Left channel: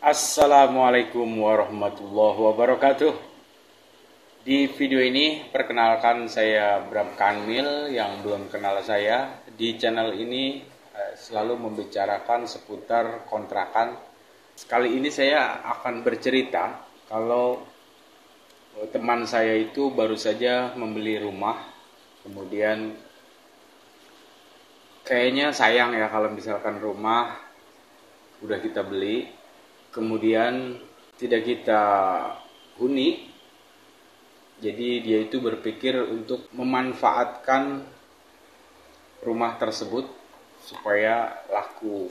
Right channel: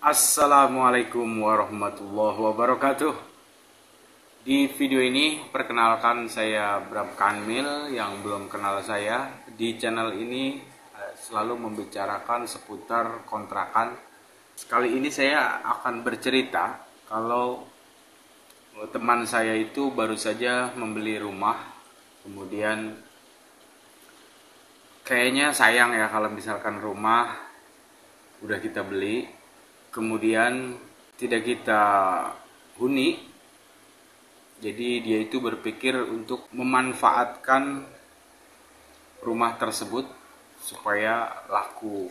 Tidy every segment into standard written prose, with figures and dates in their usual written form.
Assalamualaikum warahmatullahi wabarakatuh. Di video ini perkenalkan saya Bram Kanmil. Yang belum kenal saya, di channel ini selalu membicarakan seputar kontrakan. Sekali ini saya akan bercerita kalau teman saya itu baru saja membeli rumah. Kemudian kayaknya sayang ya kalau misalkan rumah udah kita beli kemudian tidak kita huni. Jadi dia itu berpikir untuk memanfaatkan rumah tersebut supaya laku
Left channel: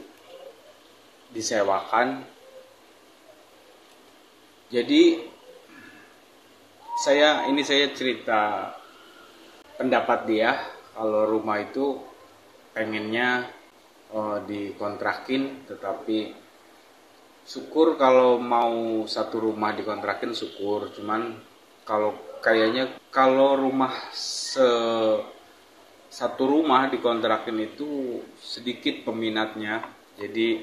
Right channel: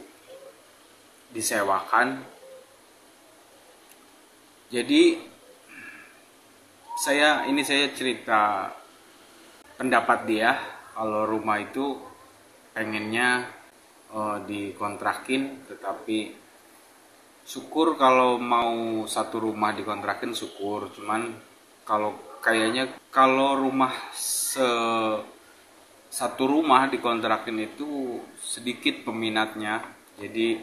disewakan. Jadi saya cerita pendapat dia kalau rumah itu pengennya dikontrakin, tetapi syukur kalau mau satu rumah dikontrakin syukur, cuman kalau rumah satu rumah dikontrakin itu sedikit peminatnya. Jadi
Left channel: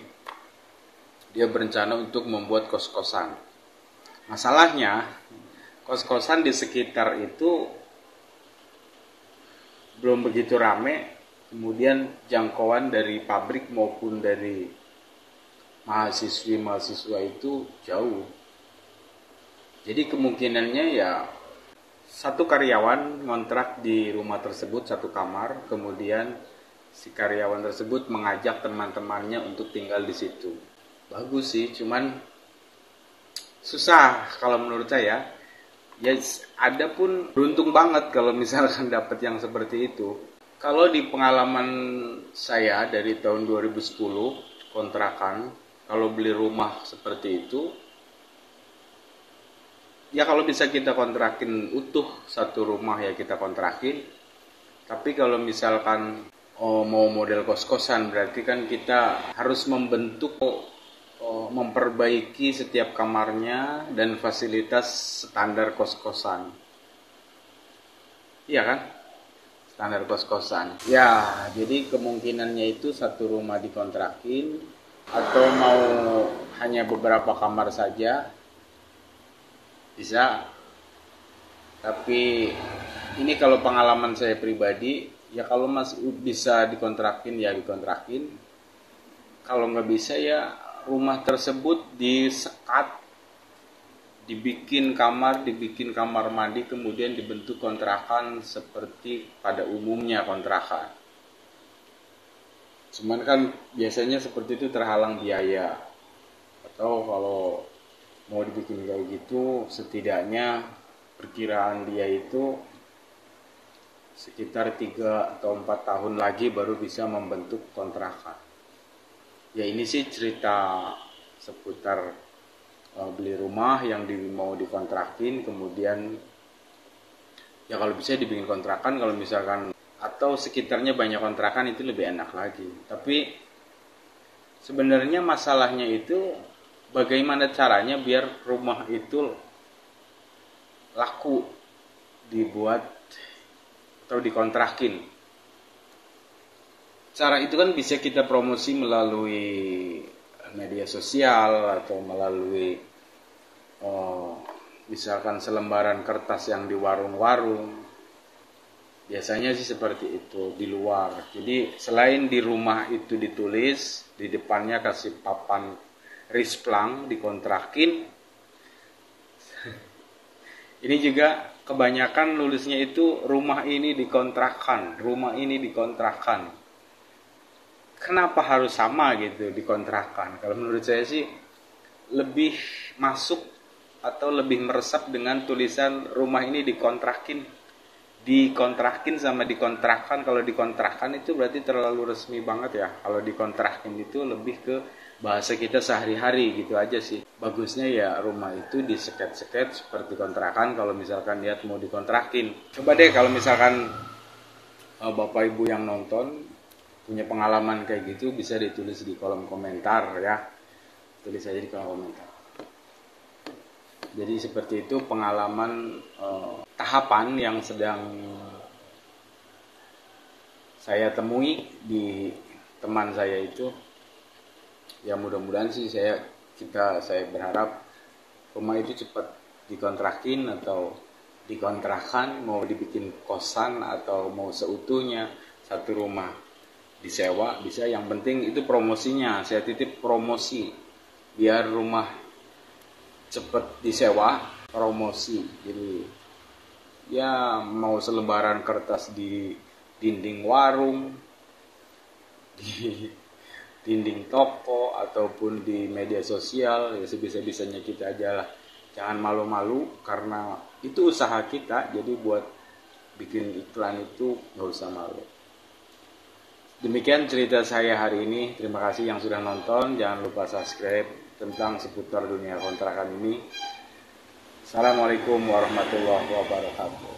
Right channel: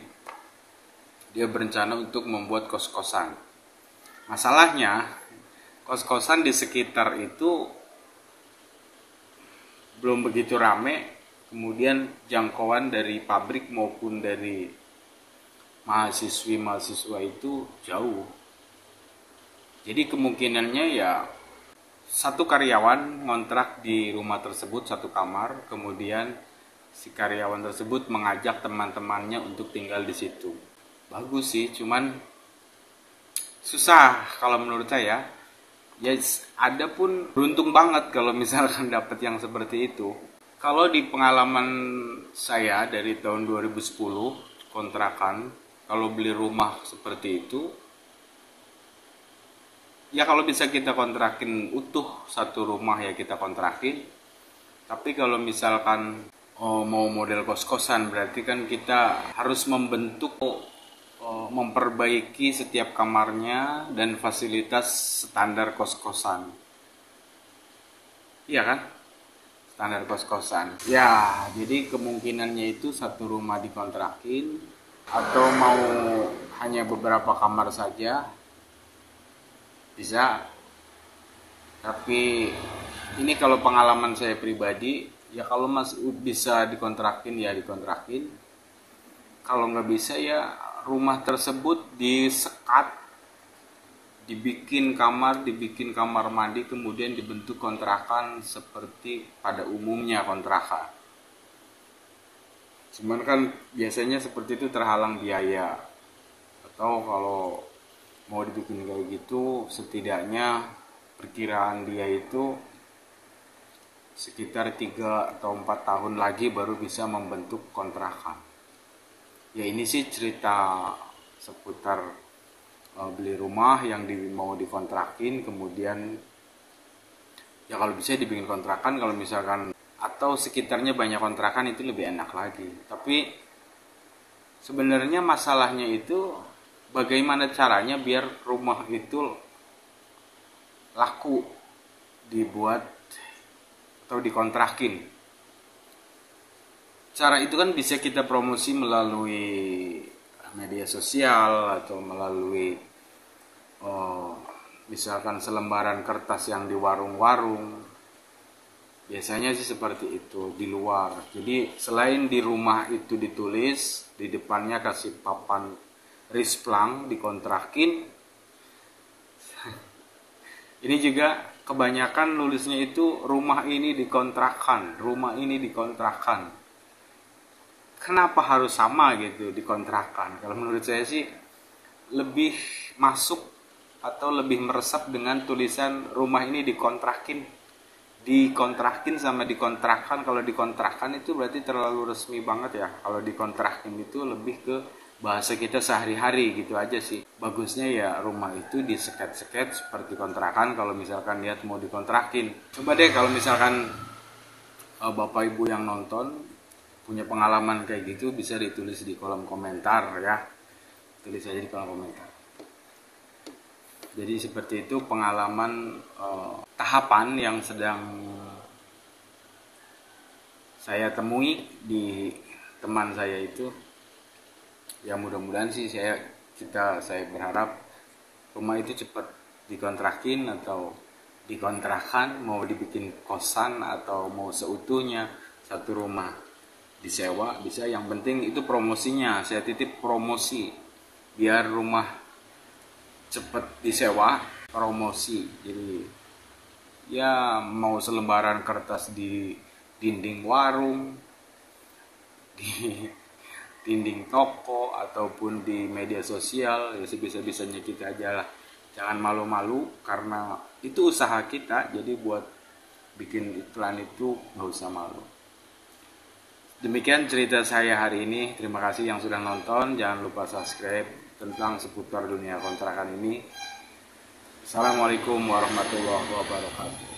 dia berencana untuk membuat kos-kosan. Masalahnya kos-kosan di sekitar itu belum begitu rame, kemudian jangkauan dari pabrik maupun dari mahasiswa itu jauh. Jadi kemungkinannya ya satu karyawan ngontrak di rumah tersebut satu kamar, kemudian si karyawan tersebut mengajak teman-temannya untuk tinggal di situ. Bagus sih, cuman susah kalau menurut saya. Ya ada pun beruntung banget kalau misalkan dapat yang seperti itu. Kalau di pengalaman saya dari tahun 2010 kontrakan, kalau beli rumah seperti itu, ya kalau bisa kita kontrakin utuh satu rumah ya kita kontrakin. Tapi kalau misalkan mau model kos-kosan, berarti kan kita harus memperbaiki setiap kamarnya dan fasilitas standar kos-kosan. Iya kan? Standar kos-kosan. Ya, jadi kemungkinannya itu satu rumah dikontrakin atau mau hanya beberapa kamar saja bisa. Tapi ini kalau pengalaman saya pribadi, ya kalau masih bisa dikontrakin ya dikontrakin. Kalau nggak bisa ya rumah tersebut disekat, dibikin kamar mandi, kemudian dibentuk kontrakan seperti pada umumnya kontrakan. Cuman kan biasanya seperti itu terhalang biaya. Atau kalau mau dibikin kayak gitu, setidaknya perkiraan dia itu sekitar 3 atau 4 tahun lagi baru bisa membentuk kontrakan. Ya ini sih cerita seputar beli rumah yang mau dikontrakin, kemudian ya kalau bisa dibikin kontrakan, kalau misalkan atau sekitarnya banyak kontrakan itu lebih enak lagi. Tapi sebenarnya masalahnya itu bagaimana caranya biar rumah itu laku dibuat atau dikontrakin. Cara itu kan bisa kita promosi melalui media sosial atau melalui misalkan selembaran kertas yang di warung-warung. Biasanya sih seperti itu di luar. Jadi selain di rumah itu ditulis, di depannya kasih papan risplang dikontrakin. Ini juga kebanyakan nulisnya itu rumah ini dikontrakan, rumah ini dikontrakan. Kenapa harus sama gitu dikontrakan? Kalau menurut saya sih lebih masuk atau lebih meresap dengan tulisan rumah ini dikontrakin sama dikontrakan. Kalau dikontrakan itu berarti terlalu resmi banget ya. Kalau dikontrakin itu lebih ke bahasa kita sehari-hari gitu aja sih. Bagusnya ya rumah itu diseket-seket seperti kontrakan kalau misalkan lihat mau dikontrakin. Coba deh kalau misalkan Bapak Ibu yang nonton punya pengalaman kayak gitu, bisa ditulis di kolom komentar ya. Tulis aja di kolom komentar. Jadi seperti itu pengalaman tahapan yang sedang saya temui di teman saya itu. Ya mudah-mudahan sih saya saya berharap rumah itu cepat dikontrakin atau dikontrakan, mau dibikin kosan atau mau seutuhnya satu rumah disewa bisa. Yang penting itu promosinya, saya titip promosi biar rumah cepet disewa, promosi. Jadi ya mau selembaran kertas di dinding warung, di dinding toko ataupun di media sosial, ya sebisa-bisanya kita aja lah. Jangan malu-malu karena itu usaha kita, jadi buat bikin iklan itu nggak usah malu. Demikian cerita saya hari ini. Terima kasih yang sudah nonton. Jangan lupa subscribe tentang seputar dunia kontrakan ini. Assalamualaikum warahmatullahi wabarakatuh.